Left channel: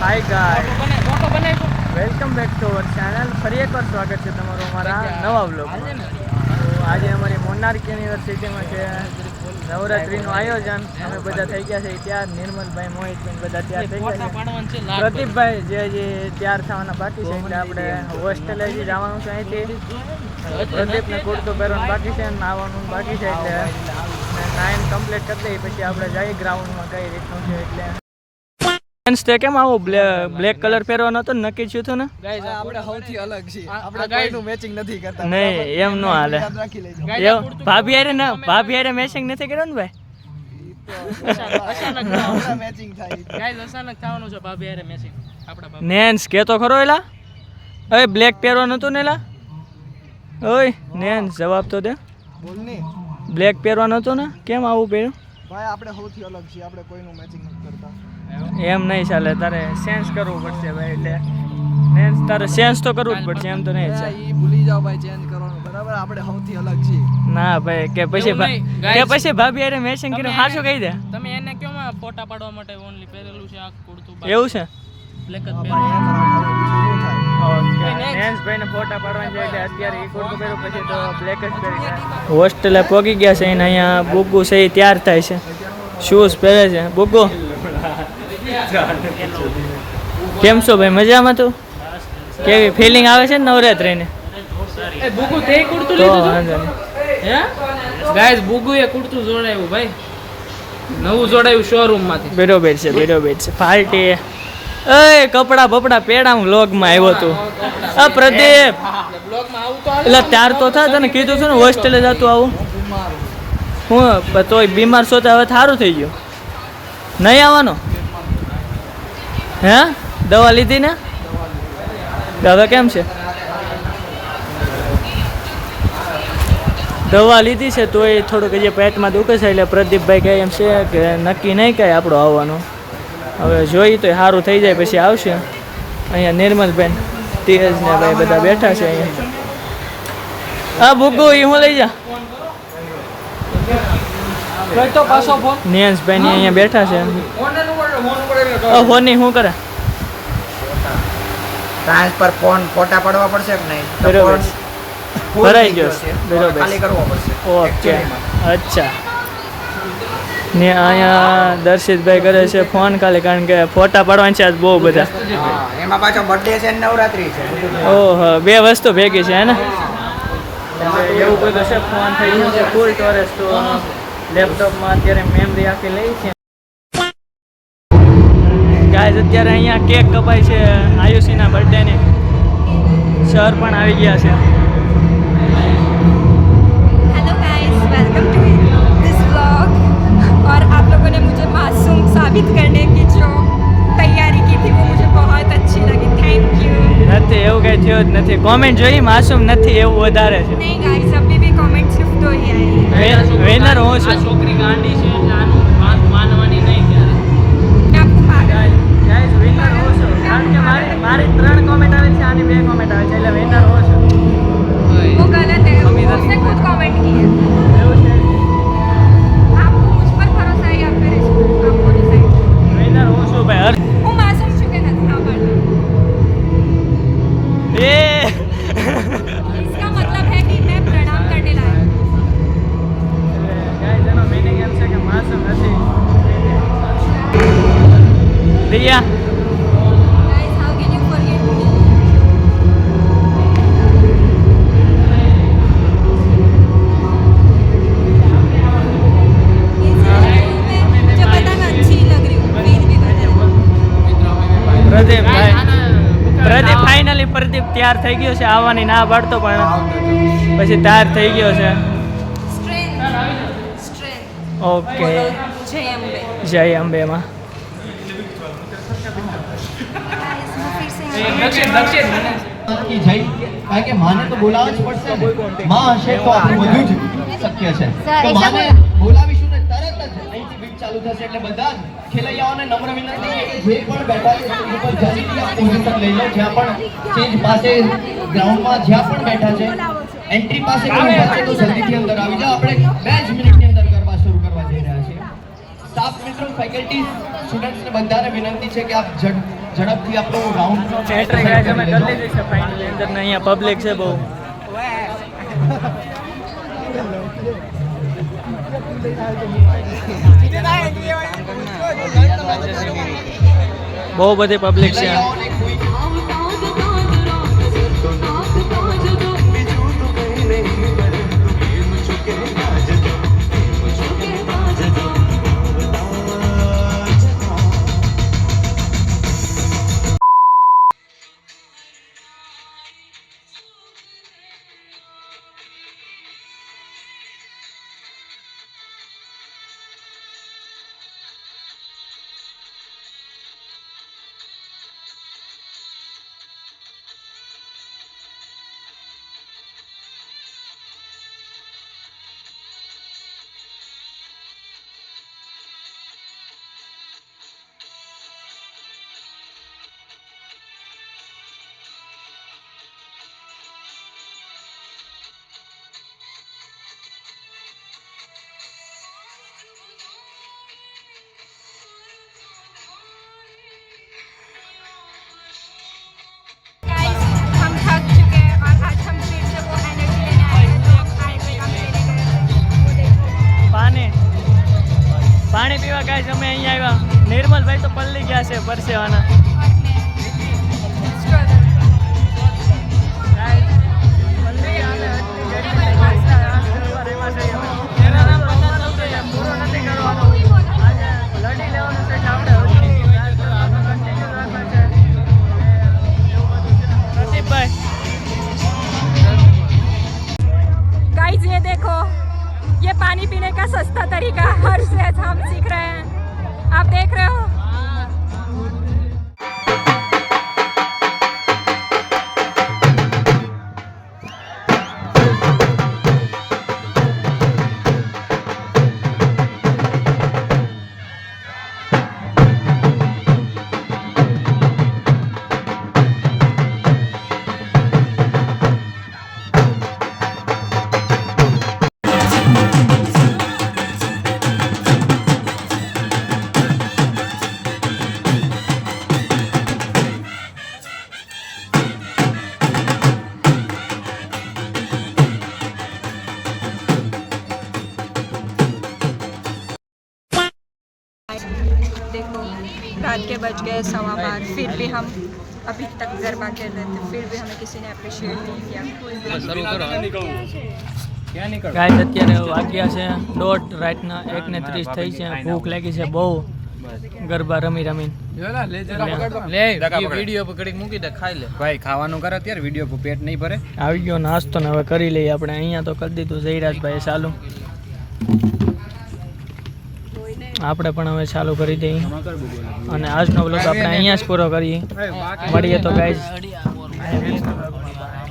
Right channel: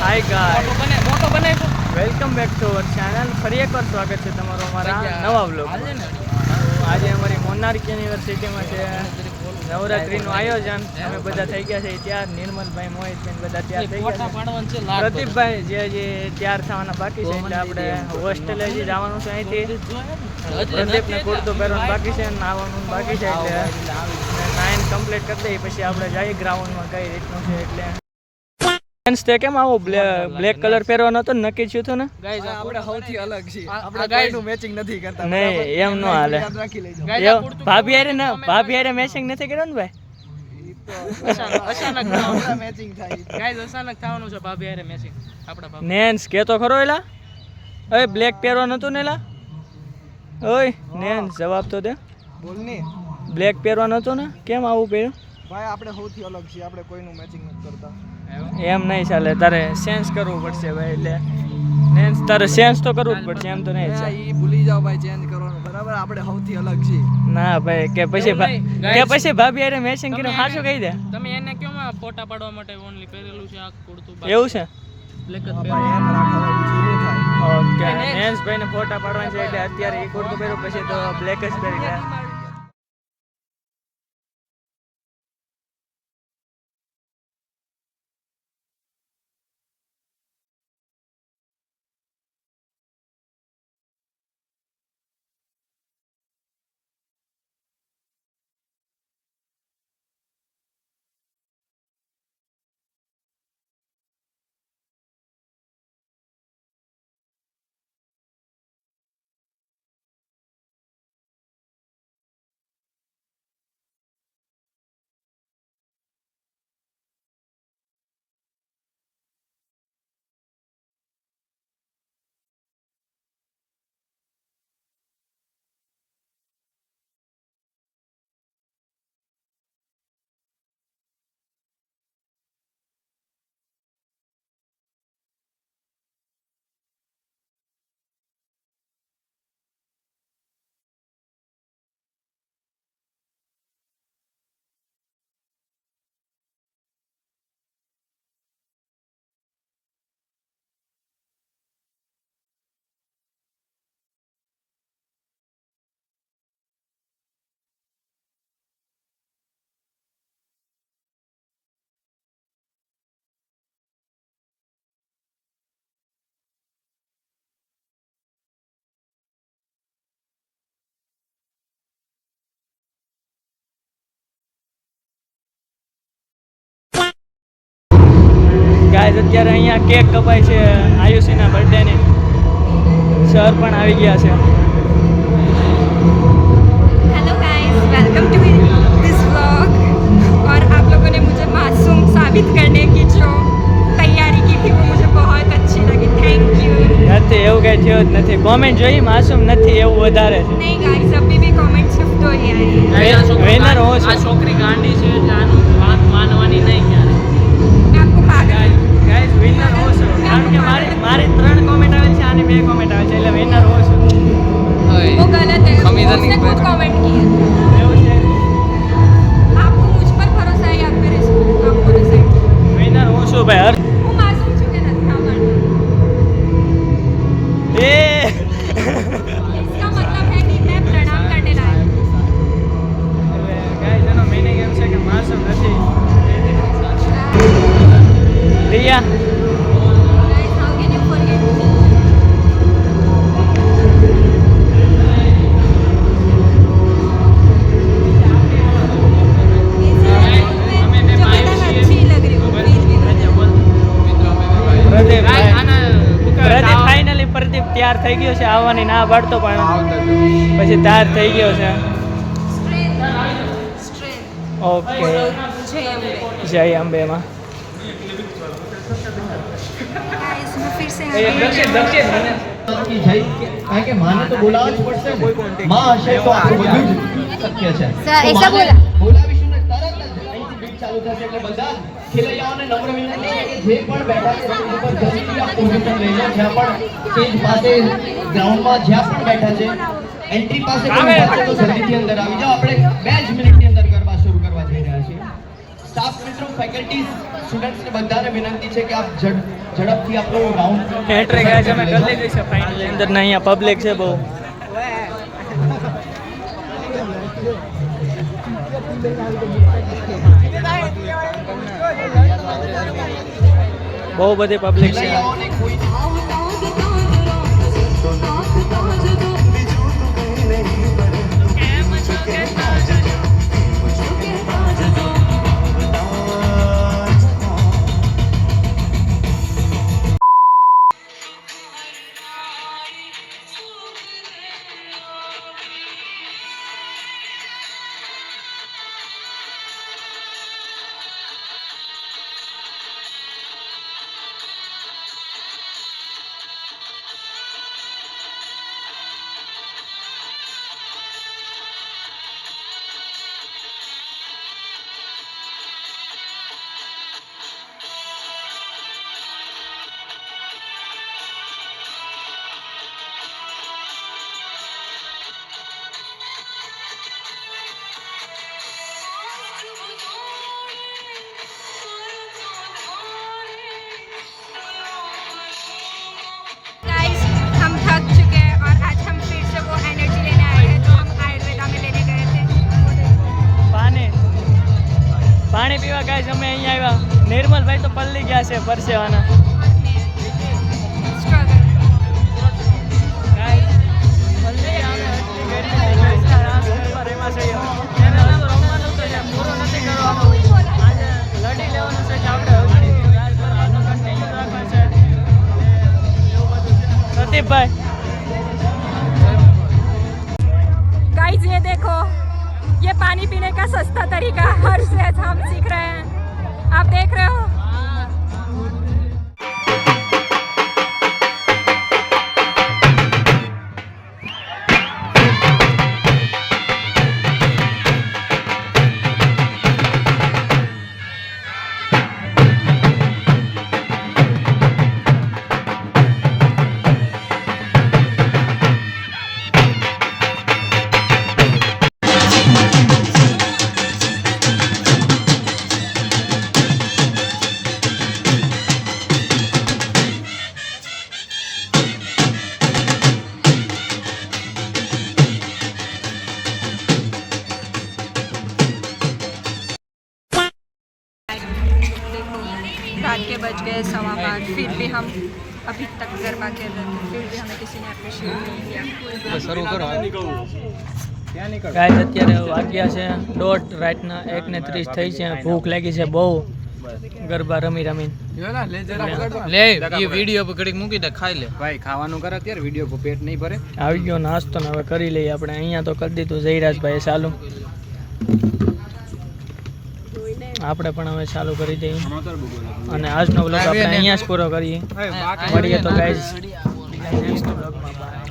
Hi guys, welcome back to our channel. ફરી એકવાર સ્વાગત છે તમારું અમારા નવા વ્લોગમાં. તો આજે અમારી મોનાર્ક યુનિવર્સિટીમાં છે નવરાત્રિનું આયોજન. અમે બધા થઈ ગયા છે તૈયાર. નિર્મલભાઈ, મોહિતભાઈ બધા તૈયાર થઈ ગયા છે. પ્રદીપભાઈ જે હજી તૈયાર થવાના બાકી છે, એટલે આપણે હોસ્ટેલે હજી જવાનું છે અહીંથી. પ્રદીપને કુર્તો પહેરવાનું બાકી છે, નાવાનું બાકી છે, એટલે 9 કમ્પ્લીટ કરી દઈએ પછી આપણે જઈએ ગ્રાઉન્ડમાં કઈ રીતનું છે. એટલે કેમ આવો બ્લેક કલર પહેરવાનો હતો નક્કી થયું હતું ને? ગાઈસ આપણે સૌથી અલગ છીએ, આપણે કોઈનું મેચિંગ નથી કરતા. નહીં, એમ ન હાલે. ભાભી હારે ના, ભાભી હારે મેચિંગ નથી કર્યો ને ભાઈ? અચાનક મેચિંગ થાય ગાઈસ, અચાનક થવાનું છે ભાભી હારે મેચિંગ. આપડા ભાભી નેન્સ કેતો ખરો એલા, ઓય બ્લેક પહેરવાનું હતું ને એલા? ઓય નેન્સ જવાબ તો દે. બોલ ને, બ્લેક પહેરવાનું હતું ને, કેમ આવું પહેર્યું? ભાઈ આપણે સૌથી અલગ છીએ, આપણે કોઈનું મેચિંગ નથી કરતા. એમ નહીં ચાલે, તારે સેન્સ કરવું પડશે ભાઈ. એટલે નેન્સ તારે સેન્સ તો કરવું જ પડશે, એમ તો નહીં ચાલે. ઈ ભૂલી જાવ ભાઈ ચેન્જ કરવાનું, બરાબર? આપણે સૌથી અલગ છીએ. ના ભાઈ, કે પછી ભાભી હારે મેચિંગ કર્યું હાચું કહી દે. તમે એને કેમ ફોટા પાડવા માટે ઓનલી પહેરેલું છે આ કુર્તું? એવું છે? બ્લેક જ હા ભાઈ, એમ રાખો, બીજું શું થાય? ઓકે, નેન્સ ભાઈને ફોટા પાડવાની છે એટલે અત્યારે એ કુર્તું પહેર્યું, પછી તો બ્લેક જ પહેરી જાય. હોસ્ટેલે પહોંચી ગયા છે અને અહીંયા બુગુ છે એ તૈયાર થાય છે, શૂઝ પહેરે છે. બુગુ કેમ છો ભાઈ, મજામાં? તું કેવી ફિલિંગ આવે છે ને નવરાત્રિની? એ બુગુ તે કુર્તું તો લીધું વાંધો નહીં. હે ગાઈસ, બુગુએ કુર્તું જોડાયું ભાઈ, નવું જોડાયું શોરૂમ માંથી. બરોબર છે, બરોબર છે. પાર્ટી એ કપડા બપડા પેડા હું વ્લોગમાં આવ્યો હતો. આ પ્રદીપ બ્લોગમાં આવું તો એટલે ત્યાર તો થાય, તને કીધું હતું ને હોસ્ટેલે જતું આવું. હું તોય બીમાર છો તો હવે સારું થઈ ગયું. નહીં આવવાનો? હે દવા લીધી ને? હવે કેમ છે? દવા લીધી છે તો એ થોડુંક હજી પેટમાં દુખે છે, એટલે પ્રદીપભાઈ કહે એમ છે કે નક્કી નહીં કાંઈ આપણો આવવાનો. હવે જોઈ તો સારું થઈ જાય પછી આવશે. અહીંયા નિર્મલબેન, તેજ ને ભાઈ બધા બેઠા છે અહીંયા. હા બુગુ, એ હું લઈ જા. તો પાછો ફોન નિયંશભાઈ ની અહીંયા બેઠા છે. હોની શું કરે? ટ્રાન્સફર ફોન ફોટા પાડવા પડશે કે નહીં? બરોબર, ભરાઈ ગયો છે. બરોબર, ખાલી કરવો પડશે. ઓકે, અચ્છા. ને અહીંયા દર્શિતભાઈ કરે છે ફોન ખાલી, કારણ કે ફોટા પાડવાના છે આજ બહુ બધા. એમાં પાછો બર્થડે છે ને નવરાત્રી છે. ઓહો, બે વસ્તુ ભેગી છે હે ને? એવું બધું છે. ફોન થઈ ગયો છે ફૂલ સ્ટોરેજ, તો લેપટોપમાં અત્યારે મેમરી આખી લઈ છે. ગાઈઝ, અત્યારે અહીંયા કેક કપાય છે આયુષીના બર્થડેની. સર પણ આવી ગયા છે. Hello guys, welcome to this vlog. और आप लोगों ने मुझे मासूम साबित करने की जो तैयारी की थी वो मुझे बहुत अच्छी लगी. Thank you. નથી, એવું કઈ થયું જ નથી. કોમેન્ટ જોઈ, માसूम નથી એવું વધારે છે. नहीं गाइस, अभी भी कमेंट सिर्फ 2 ही आए हैं. વિનર હું આ છું. છોકરી ગાંડી છે એટલે આનું વાત માનવાની નહીં ક્યારે. आपको पागल ગાઈઝ, વિનર હું છું, કારણ કે મારી 3 કોમેન્ટ આવે છે, આની 2 કોમેન્ટ આવે છે, એટલે વિનર હું છું. वो गलत है. उसने खुद कमेंट की. એવું છે, आपको मुझ पर भरोसा है या फिर इसको? आप बोलो सही. વિનર હું છું ભાઈ. वो मासूम चुके નથી आभार. એ इसका मतलब है कि मैं प्रणाम करने लायक हूँ. એટલે ગાઈઝ, એનો મીનિંગ એમ છે કે માસૂમ નથી. Riya, Guys, how can you forgive me? जो बताना अच्छी लग रही हूँ, प्लीज भी बताना. પ્રદીપ ફાઇનલી પ્રદીપ તૈયાર થઈ ગયો છે. આવવાની ના પાડતો પણ પછી તૈયાર થઈ ગયો છે. Strength. ઓકે, जय अम्बे. જય અંબેમાં. Guys, वो फिर से की जाई કારણ કે માને તો બોલાવવું જ પડશે ને. માં હશે તો આપણે બધું જ શક્ય છે. ऐसा बोला. બોલાવીશું ને તરત જ અહીંથી બીટ ચાલુ થશે, એટલે બધા ખેલૈયાઓને નમ્ર વિનંતી છે કે જે પણ બેઠા છે એની પર જલ્દીથી આ પોઝિશન લઈ લો. જ્યાં પણ સ્ટેજ પાસે ગ્રાઉન્ડમાં જ્યાં પણ બેઠા છે એન્ટ્રી પાસે પણ ઊભા છે તો જલ્દીથી અંદર આવી જાઓ. આપણે 2 જ મિનિટની અંદર ગરબા શરૂ કરવા જઈ રહ્યા છીએ. સ્ટાફ મિત્રો, ફેકલ્ટી સ્ટુડન્ટ્સને બધાને વિનંતી છે કે આપ ઝડપથી આપણું રાઉન્ડ એન્ટ્રી ગાઈસ અમે કરી લીધી છે ફાઇનલી. અંદર ને અહીંયા પબ્લિક છે બહુ. બહુ બધી પબ્લિક છે. हम थक चुके हैं और आज हम फिर से वो एनर्जी लेने आए हैं जो हम आयुर्वेदा में लेने गए थे. પાણી પીવા ગાઈસ અમે અહીંયા આવ્યા. નિર્મલભાઈ તો પલ્લી ગયા છે પરસેવાના. Struggle. ગાઈસ પલ્લી અમે એટલી ગરીબ પૈસા રાસ કરવા રેવા છે અમે. અને હજુ રમવાનું તો છે, પૂરો નથી કરવાનો. આજે લડી લેવાનું છે કે આપણે હજુ રાસ કરવાનું કન્ટિન્યુ રાખવા છે. એવું બધું છે. પ્રદીપભાઈ गाइस ये देखो, ये पानी पीने का सस्ता तरीका हर से हम सीख रहे हैं. आप देख रहे हो. देखो, रात के बज गए 5:15, फिर भी हम अभी तक गरबा खेल रहे थे, फिर भी हमें किसी ने अप्रिशिएट नहीं किया. ગાઈસ અત્યારે વાગ્યા છે 1:30 રાતના 1:30 થઈ છે. ભૂખ લાગી છે બહુ ગરબા રમી રમીને. લે એ વિડિયો પર ઘડીક મૂકી દે, ખાઈ લે ભાઈ ખાવાનું કરે અત્યારે વિડિયો પર પેટ નહીં ભરે. આવી ગયો નાસ્તો ને હવે કરી લઈએ આપણે. અહીંયા તો કરી દીધું જયરાજભાઈ ચાલુ. આપણે પણ હવે ચાલુ કરી દઈએ અને આજનો વ્લોગ આપણે અહીંયા જ પૂરો કરીએ. મળીએ તો ગાઈઝ નેક્સ્ટ વ્લોગમાં.